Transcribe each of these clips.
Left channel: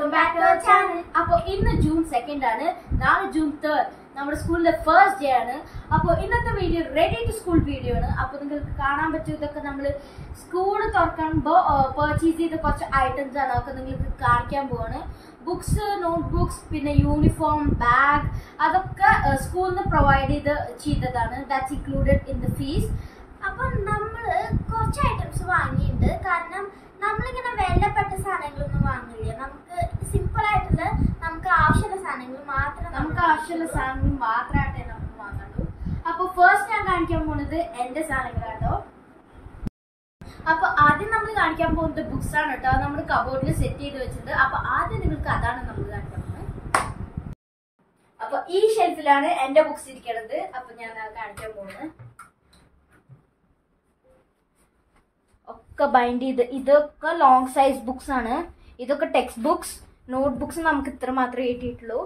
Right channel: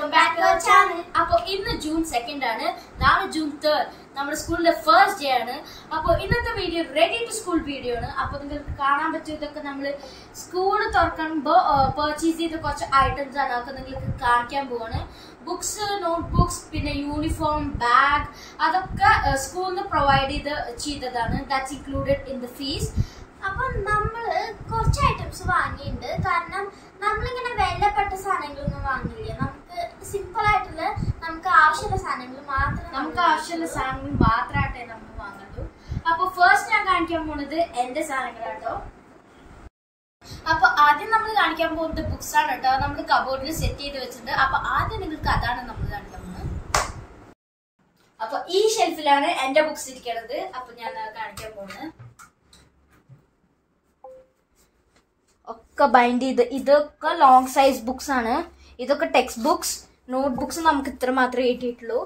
welcome back to our channel. അപ്പോൾ ഇന്ന് June 2 ആണ്, നാളെ ജൂൺ 3 നമ്മുടെ സ്കൂളിന്റെ ഫസ്റ്റ് ഡേ ആണ്. അപ്പോൾ ഇന്നത്തെ video ready to school video ആണ്. അപ്പോൾ നിങ്ങൾക്ക് കാണാൻ പറ്റും ഇതൊക്കെ നമ്മൾ സ്കൂൾ തുറക്കുമ്പോൾ പർച്ചേസ് ചെയ്ത കുറച്ച് ഐറ്റംസ് ആണ്. അതൊക്കെ നിങ്ങൾക്ക് കാണിക്കാൻ പോവാണ്. ബുക്സ്, നോട്ട് ബുക്സ്, പിന്നെ യൂണിഫോം, ബാഗ്, അതൊക്കെ സ്കൂളിൽ നിന്ന് പ്രൊവൈഡ് ചെയ്തതാണ്. That's included in the fees. അപ്പോൾ നമ്മൾ കുറച്ച് ഐറ്റംസ് വാങ്ങിയിട്ടുണ്ട്. കാരണം നമ്മളിങ്ങനെ വിലപ്പെട്ട സാധനങ്ങളൊന്നും വാങ്ങില്ല. നമുക്ക് സിമ്പിൾ ആയിട്ടുള്ള നമുക്ക് ആവശ്യമുള്ള സാധനങ്ങൾ മാത്രമായിട്ടേ നമുക്ക് വാങ്ങുള്ളൂ. അപ്പോൾ ഫസ്റ്റ് ഞാൻ കാണിക്കാൻ പോകുന്നത് എന്റെ സാധനങ്ങളാട്ടോ. അപ്പൊ ആദ്യം നമ്മൾ കാണിക്കാൻ പോകുന്നത് ബുക്സ് ആണ് കേട്ടോ. നമ്മൾ കബോർഡിൽ സെറ്റ് ചെയ്ത് വെച്ചിട്ടുണ്ട്. അപ്പൊ ആദ്യം നിങ്ങൾക്ക് അതാണ് നമ്മൾ കാണിക്കാൻ പോകുന്നത്. അപ്പൊ ഈ ഷെൽഫിലാണ് എന്റെ ബുക്സ് ഇരിക്കുന്നത്. അപ്പൊ ഞാൻ കാണിക്കാൻ പോകുന്നത് ഒക്കെ ബൈൻഡ് ചെയ്ത്, ഇതൊക്കെ ലോങ് സൈസ് ബുക്സ് ആണ്. ഇതൊക്കെ ടെക്സ്റ്റ് ബുക്സ്, നോട്ട് ബുക്സ് നമുക്ക് ഇത്ര മാത്രമേ കിട്ടിയിട്ടുള്ളൂ.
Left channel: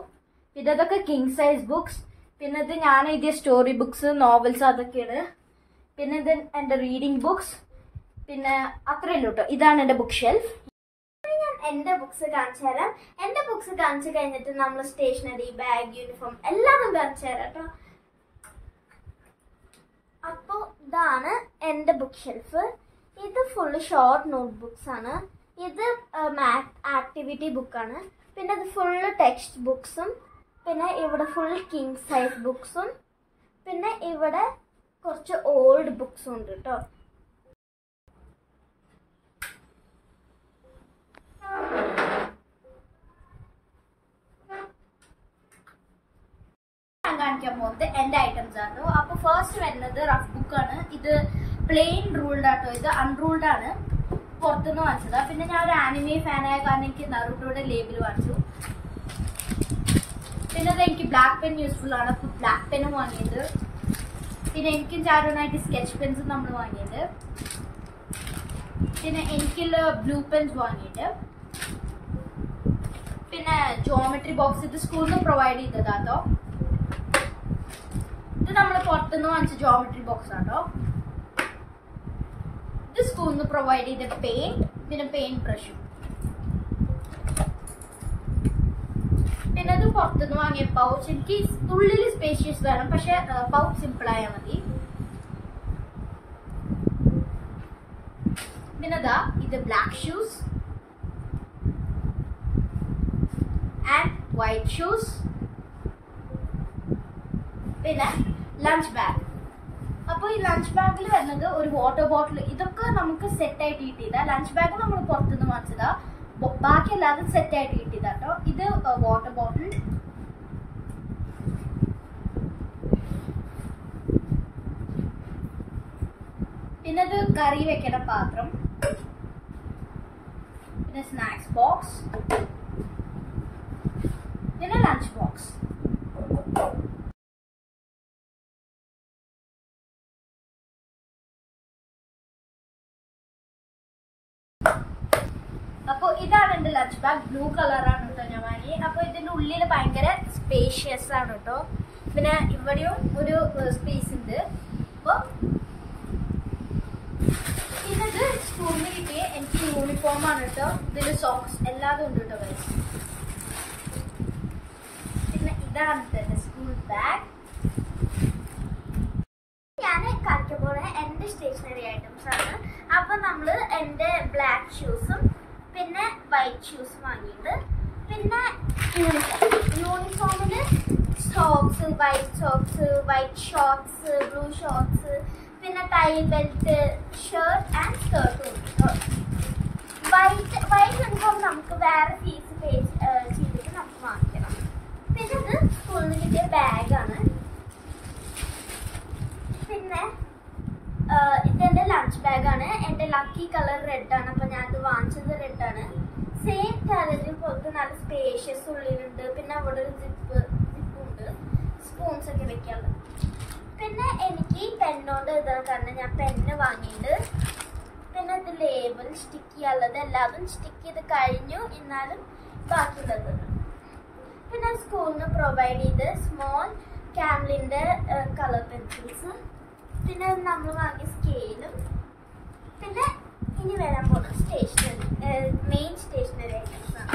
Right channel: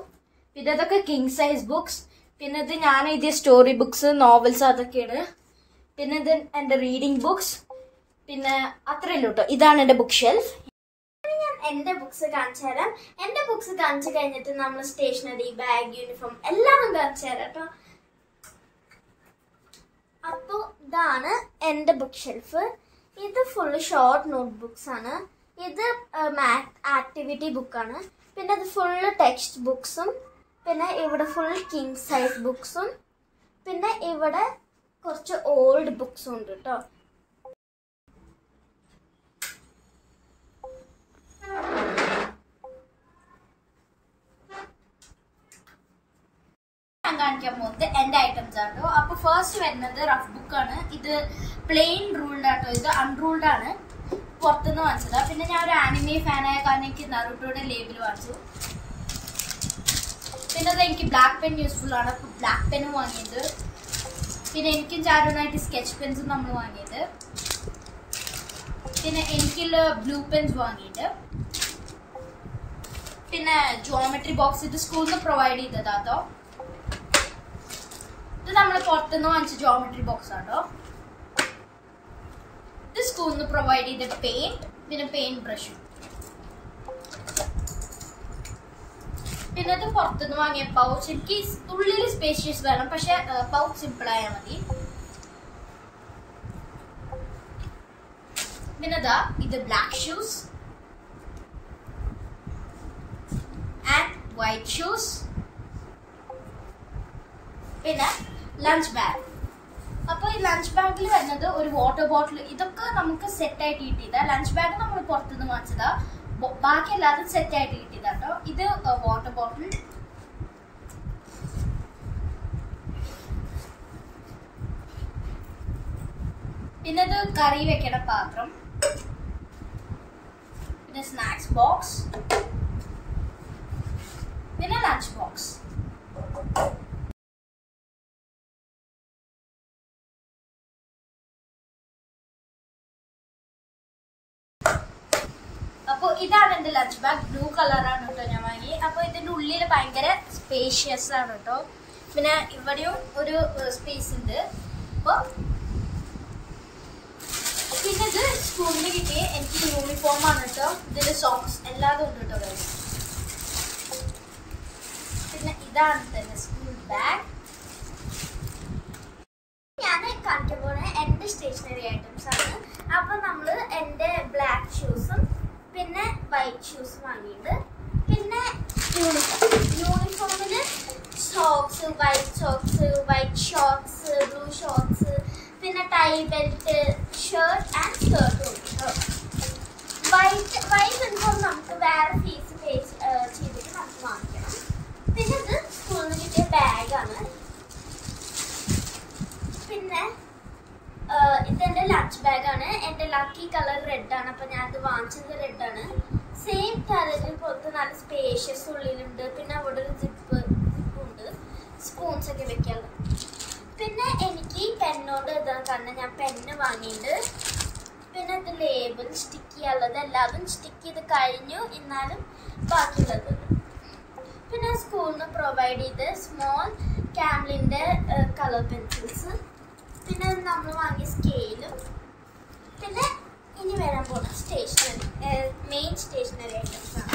പിന്നെ ഇതൊക്കെ കിങ് സൈസ് ബുക്സ്. പിന്നെ ഇത് ഞാൻ എഴുതിയ സ്റ്റോറി ബുക്സ്, നോവൽസ്, അതൊക്കെയാണ്. പിന്നെ ഇത് എൻ്റെ റീഡിങ് ബുക്സ്. പിന്നെ അത്രയേ ഉള്ളൂ കേട്ടോ. ഇതാണ് എൻ്റെ ബുക്ക് ഷെൽഫ്. ഞാൻ എൻ്റെ ബുക്സ് കാണിച്ചു തരാം. എൻ്റെ ബുക്സ് കാണിച്ചു കഴിഞ്ഞിട്ട് നമ്മൾ സ്റ്റേഷനറി, ബാഗ്, യൂണിഫോം എല്ലാം കാണിച്ചു തരാം കേട്ടോ. അപ്പോൾ ഇതാണ് എൻ്റെ ബുക്ക് ഷെൽഫ്. ഇത് ഫുള്ള് ഷോർട്ട് നോട്ട് ബുക്സ് ആണ്. ഇത് മാത്ത് ആക്ടിവിറ്റി ബുക്കാണ്. പിന്നെ ഇത് ഫുള്ള് ടെക്സ്റ്റ് ബുക്സും. പിന്നെ ഇവിടെ ഫുൾ കിങ് സൈസ് ബുക്സും. പിന്നെ ഇവിടെ കുറച്ച് ഓൾഡ് ബുക്സും ഉണ്ട് കേട്ടോ. ഞാൻ കാണിക്കാൻ പോകുന്നത് എന്റെ ഐറ്റംസ് ആണോ. അപ്പൊ ഫസ്റ്റ് വരുന്നത് റഫ് ബുക്കാണ്. ഇത് പ്ലെയിൻ റൂൾഡ് ആട്ടോ. ഇത് അൺറൂൾഡ് ആണ്, പുറത്തുനിന്ന് വാങ്ങിച്ചതാ. പിന്നെ ഞാൻ ഒരു ആനിമെ ഫാനായ കാരണം എനിക്ക് നറുട്ടോയുടെ ലേബിൾ വാങ്ങിച്ചു. പിന്നെ അത് എനിക്ക് ബ്ലാക്ക് പെൻ യൂസ്ഫുൾ ആണ്, അപ്പൊ ബ്ലാക്ക് പെന്നും വാങ്ങിയത്. പിന്നെ എനിക്കും ചാരോനായിട്ട് സ്കെച്ച് പെൻസും നമ്മൾ വാങ്ങിയത്. പിന്നെ എനിക്കുള്ള ബ്ലൂ പെൻസ് വാങ്ങിയിട്ട്. പിന്നെ ജോമെട്രി ബോക്സ്, ഇത് സ്കൂളിൽ നിന്ന് പ്രൊവൈഡ് ചെയ്തതാട്ടോ. ഇത് നമ്മൾ പുറത്തുനിന്ന് വാങ്ങിച്ച ജോമെട്രി ബോക്സ് ആട്ടോ. ഇത് സ്കൂളിൽ നിന്ന് പ്രൊവൈഡ് ചെയ്ത പെയിന്റ്, പിന്നെ പെയിന്റ് ബ്രഷും. പിന്നെ ഇത് പുറത്തുനിന്ന് വാങ്ങിയ പൗച്ച്. എനിക്ക് ഉള്ളിൽ സ്പേഷ്യസ് വേണം, പക്ഷെ പൗച്ച് സിമ്പിൾ ആയാൽ മതി. പിന്നെ ഇത് black shoes and white shoes. പിന്നെ ലഞ്ച് ബാഗ്. അപ്പോൾ ഈ ലഞ്ച് ബാഗിൽ വരുന്നത് ഒരു വാട്ടർ ബോട്ടിൽ. ഇതൊക്കെ നമുക്ക് സെറ്റായിട്ട് കിട്ടിയതാ. ലഞ്ച് ബാഗ് നമ്മൾ പുറത്തുനിന്ന് വാങ്ങിച്ചതാ. ബാക്കി എല്ലാതും സെറ്റായിട്ട് കിട്ടിയതാട്ടോ. ഇത് വാട്ടർ ബോട്ടിൽ. പിന്നെ ഇത് കറി വെക്കണ പാത്രം. പിന്നെ സ്നാക്സ് ബോക്സ്. പിന്നെ ലഞ്ച് ബോക്സ്. അപ്പോൾ ഇതാണ് എൻ്റെ ലഞ്ച് ബാഗ്. ബ്ലൂ കളറാണ് കേട്ടോ ഞാൻ വാങ്ങി. അപ്പോൾ ഇതിൻ്റെ ഉള്ളിൽ ഭയങ്കര സ്പേഷ്യസ് ആണ് കേട്ടോ. പിന്നെ ഇവിടെയും ഒരു സ്പേസ് ഉണ്ട്. അപ്പോൾ പിന്നെ ഇത് സ്കൂളിൽ കിട്ടിയ എനിക്ക് യൂണിഫോം ആണ് കേട്ടോ. ഇതിൽ സോക്സ് എല്ലാതും ഉണ്ട് കേട്ടോ. പിന്നെ ഇതാണ് എൻ്റെ സ്കൂൾ ബാഗ്. ഞാൻ കാണിക്കാൻ പോകുന്നത് എൻ്റെ സ്റ്റേഷനറി ഐറ്റംസ് ആണ്. അപ്പോൾ നമ്മൾ എൻ്റെ ബ്ലാക്ക് ഷൂസും പിന്നെ വൈറ്റ് ഷൂസ് വാങ്ങിയിട്ട്. പിന്നെ യൂണിഫോമിൽ socks, white shorts, blue shorts, പിന്നെ ടൈ ബെൽറ്റ്, ഷർട്ട് ആൻഡ് സ്കേർട്ടും ഉണ്ട് കേട്ടോ. വൈറ്റ് യൂണിഫോം നമുക്ക് വേറെ ഫീസ് പേ ചെയ്തിട്ട് നമുക്ക് വാങ്ങിക്കണം. പിന്നെ ഇത് സ്കൂളിൽ നിന്ന് കിട്ടിയ ബാഗാണ്. പിന്നെ ഇതെൻ്റെ ലഞ്ച് ബാഗാണ്. എൻ്റെ ലക്കി കളർ റെഡാണ്. അപ്പോൾ ഞാനത് വാങ്ങിച്ചത് റെഡാണ്. സെയിം കളറിൽ പോലത്തെ നല്ല സ്പേഷ്യസ് ഉള്ളിലുണ്ട്. പിന്നെ അവിടെ ഒരു ജിപ്പുണ്ട്, സ്പൂൺസ് ഒക്കെ വെക്കാനുള്ളത്. പിന്നെ എനിക്ക് ഈ പെന്നോണ്ട് എഴുതാൻ കാരണം ഞാൻ പെന്ന് വാങ്ങിയിട്ടുണ്ട്. പിന്നെ ഇത് ലേബിൾ സ്റ്റിക്ക് ചെയ്യാനുള്ളത് എല്ലാതും സ്റ്റിക്ക് ചെയ്ത് കഴിഞ്ഞു. എന്നാലും ബാക്കിയുള്ളത്. പിന്നെ സ്കൂളിൽ നിന്ന് പ്രൊവൈഡ് ചെയ്ത് സ്മോൾ ക്യാമലിൻ്റെ കളർ പെൻസിൽസ്. പിന്നെ നമ്മൾ വാങ്ങിയ സ്കെയിലും. പിന്നെ ഇനി വരാൻ പോകുന്ന സ്റ്റേഷനറി, മെയിൻ സ്റ്റേഷനറി ഐറ്റംസ് ആണ്.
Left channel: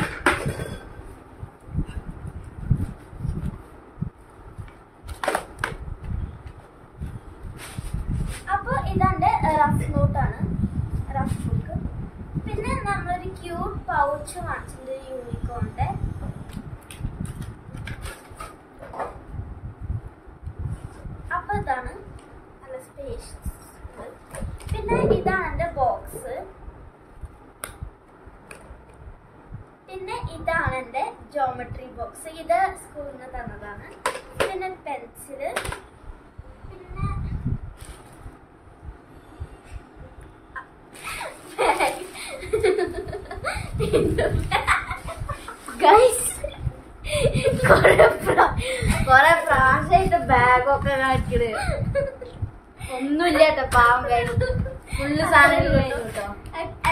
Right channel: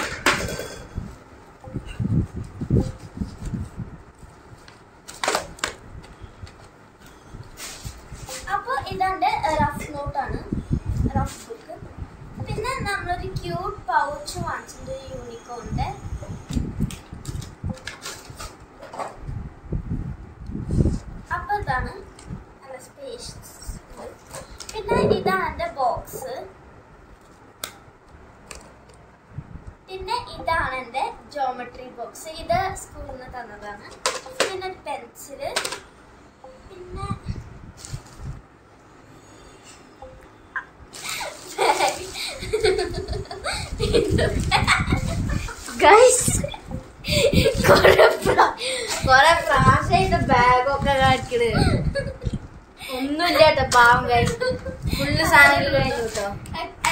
പിന്നെ ഇതാണ് എൻ്റെ ജോമെട്രി ബോക്സ്. ഇത് സ്കൂളിൽ നിന്ന് തന്നതാണ്. പിന്നെ പെൻസില്, പിന്നെ കൊറേ പ്രാവശ്യമായിട്ട് ബാഗൊക്കെ കാണിക്കണ്. ഒന്നുമില്ല കേട്ടോ, പാവം കഴിഞ്ഞു. ഫുള്ള് സാധനങ്ങൾ കഴിഞ്ഞു കേട്ടോ,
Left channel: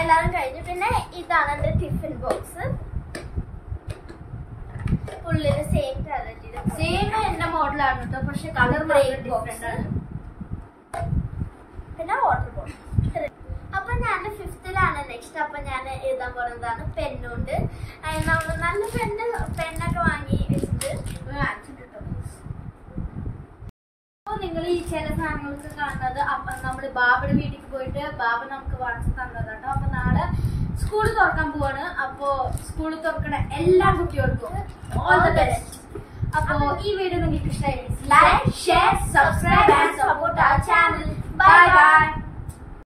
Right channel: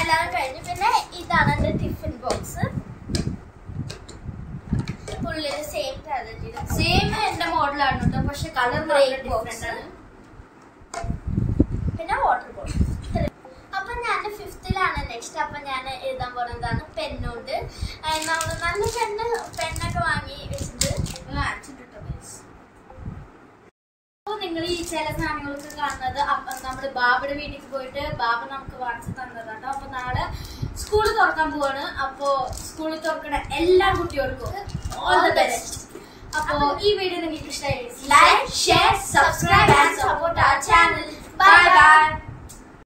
എല്ലാവരും കഴിഞ്ഞു. പിന്നെ ഇതാണ് എൻ്റെ ടിഫിൻ ബോക്സ്. ഉള്ളില് സെയിം സെയിം എന്റെ മോഡലാണ് കേട്ടോ, പക്ഷെ കളർ ബോക്സ് ആണ്. പിന്നെ വാട്ടർ ബോട്ടിൽ. അപ്പൊ ഞാൻ 5th നെക്സ്റ്റ്. അപ്പൊ ഞാൻ എഴുതാൻ പോകുന്നതാണ് പെന്നുണ്ട്. നമ്മള് നല്ല പെന്നൊക്കെ വാങ്ങി വെച്ചിട്ട് നിങ്ങൾ ഈ ചില സാധനങ്ങളൊക്കെ കാണുന്നത് അപ്പൊ നമ്മള് ബാബയുടെ വീട്ടിൽ പോയിട്ട് ബാബ നമുക്ക് വാങ്ങിച്ചു തന്നതാണ്. അപ്പൊ നാളെ സ്കൂള് തുറക്കാൻ പോവാണ്. അപ്പൊ സ്കൂള് തുറക്കണ എല്ലാ കുട്ടികൾക്കും ഓൾ ദ ബെസ്റ്റ്. അപ്പൊ ഈ വീഡിയോ നിങ്ങൾക്ക് ഇഷ്ടമായി, like, share, subscribe and support our channel. Bye by.